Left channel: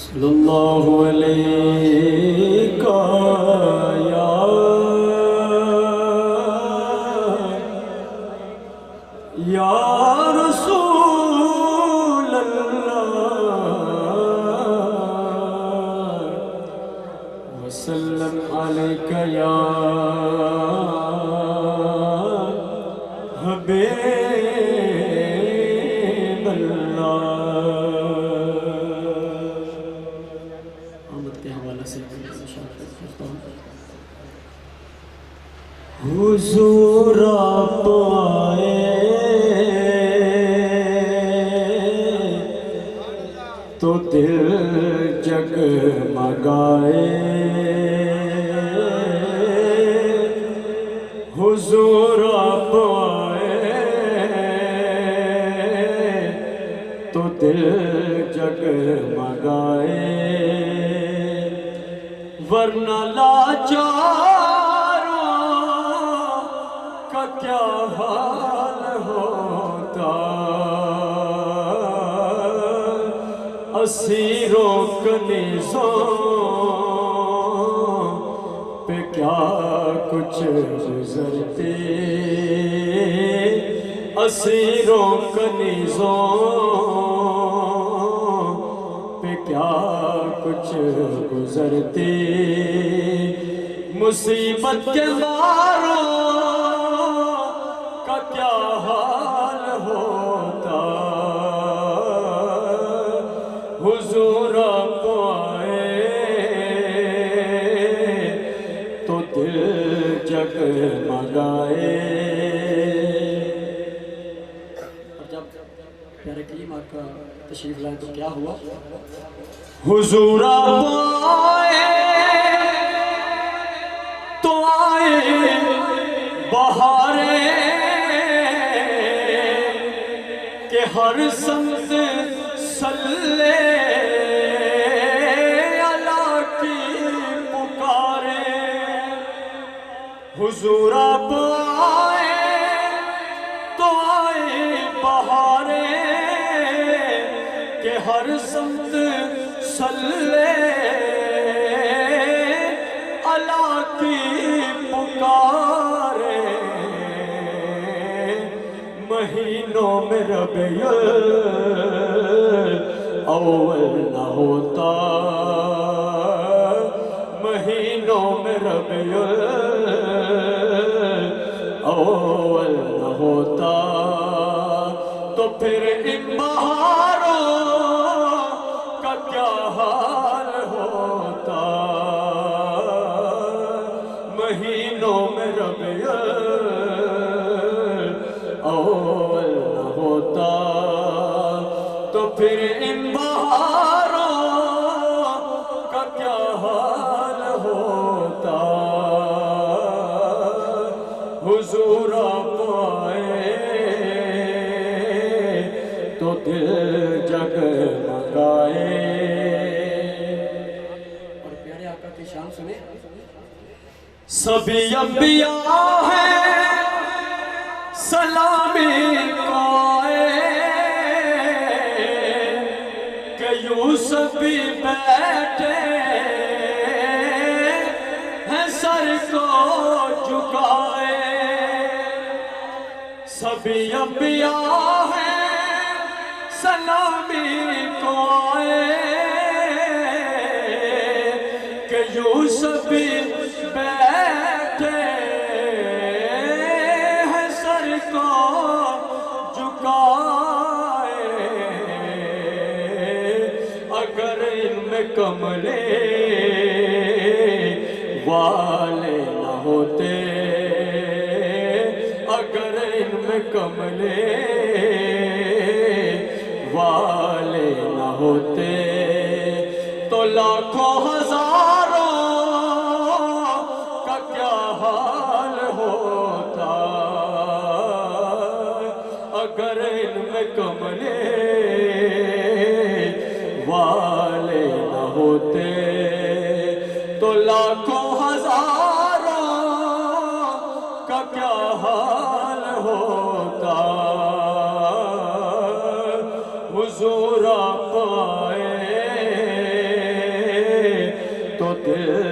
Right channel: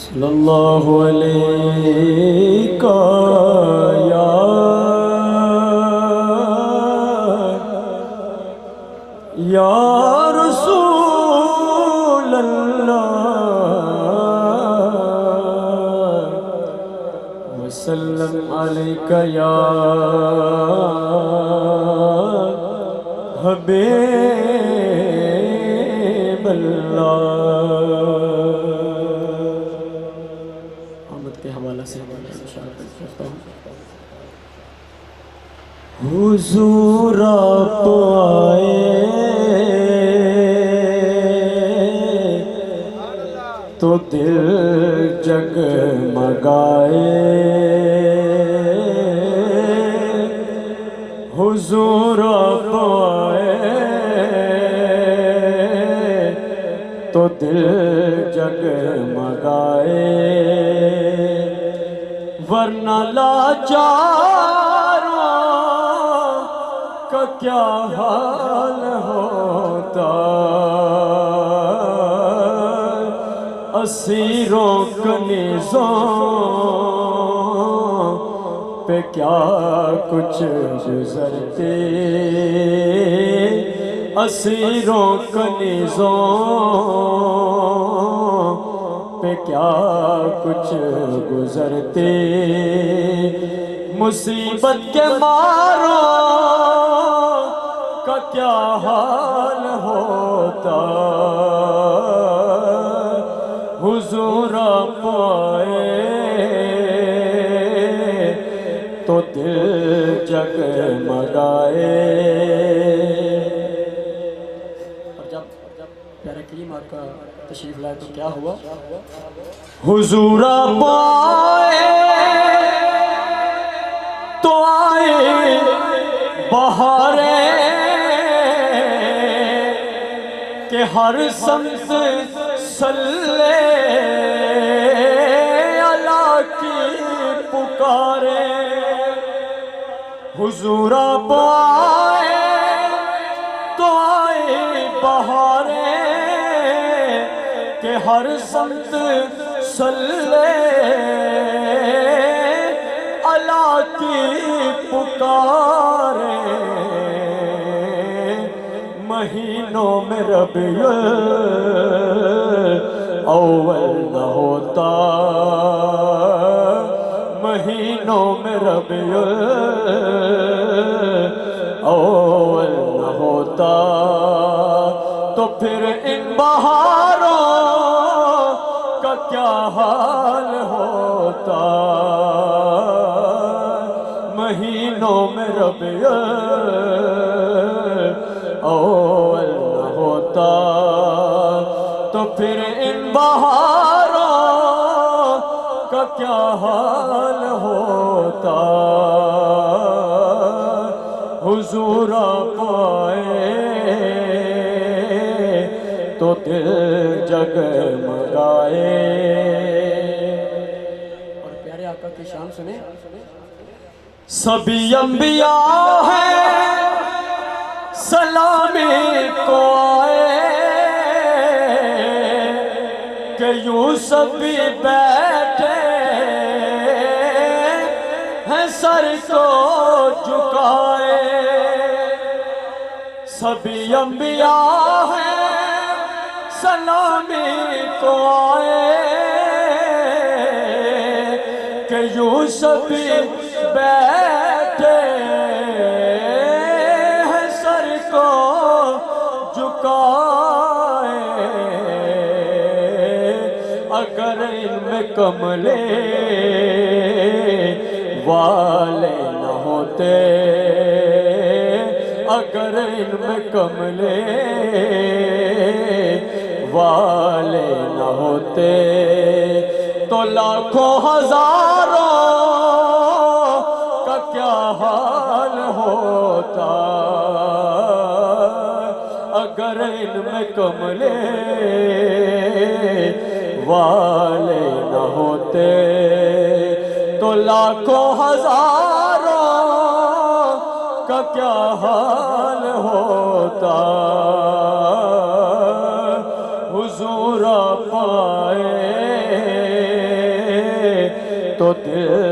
صلی اللہ علیہ یا رسول اللہ وسلم علیک یا حبیب اللہ۔ آمد کے حوالہ سے کرتا ہوں۔ حضور آپ آئے تو دل جگمگائے، حضور آپ آئے تو دل جگمگائے، ورنہ لاچاروں کا کیا حال ہوتا، اسیروں کنیزوں پہ کیا کچھ گزرتے، اسیروں کنیزوں پہ کیا کچھ گزرتے، مصیبت کے ماروں کا کیا حال ہوتا، حضور آپ آئے تو دل جگمگائے۔ اور جب پیارے کریم آپ کا تشریف لائے تو کیا ہوا؟ حضور آپ آئے تو آئے بہاریں کہ ہر سمت صلی اللہ کی پکارے، حضور آپ آئے تو آئے بہاریں کہ ہر سمت صلی اللہ کی پکارے، مہینوں میں ربیع اول نہ ہوتا، مہینوں میں ربیع اول نہ ہوتا، تو پھر ان بہاروں کا کیا حال ہوتا، مہینوں میں ربیع اول نہ ہوتا، تو پھر ان بہاروں کا کیا حال ہوتا، حضور آپ آئے تو دل جگمگائے۔ اور پیارے آقا کی شان سنیں، سبھی انبیاء ہیں سلامی کو آئے کہ یوسف بھی بیٹھے ہیں سر کو جھکائے، سبھی انبیاء ہیں سلامی کو آئے کہ یوسف بھی بیٹھے ہیں سر کو جھکائے، اگر علم کملے والے نہ ہوتے، اگر علم کملے والے نہ ہوتے تو لاکھوں ہزاروں کا کیا حال ہوتا، اگر علم کملے والے نہ ہوتے تو لاکھوں ہزاروں کا کیا حال ہوتا، حضور آپ آئے دل